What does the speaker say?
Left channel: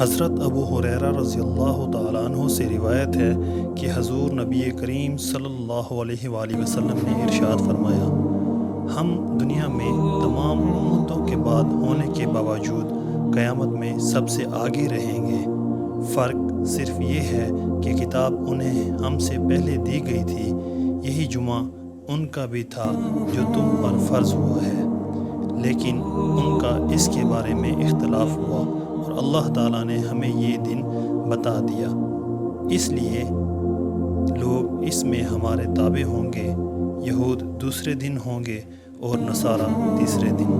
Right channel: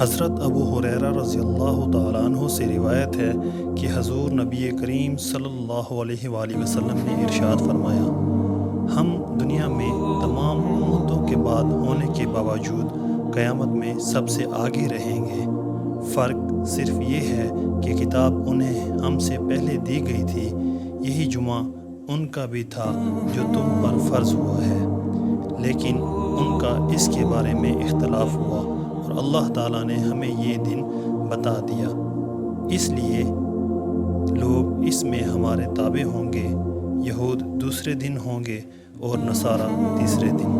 حضرت ابو ہریرہ رضی اللہ تعالیٰ عنہ سے روایت ہے کہ حضور نبی کریم صلی اللہ علیہ وآلہ وسلم نے ارشاد فرمایا، ہم دنیا میں تمام امتوں کے بعد ہونے کے باوجود قیامت میں سب سے آگے رہیں گے۔ فرق صرف یہ ہے کہ کتاب انہیں ہم سے پہلے دی گئی تھی، یہی جمعہ ان کا بھی تھا جو تم پر فرض ہوا ہے، لیکن ان کا اس کے بارے میں اختلاف ہوا اور اللہ تعالیٰ نے ہمیں یہ دن بتا دیا، اس لیے لوگ اس میں ہمارے تابع ہوں گے۔ یہود دوسرے دن ہوں گے اور نصارہ تیسرے دن۔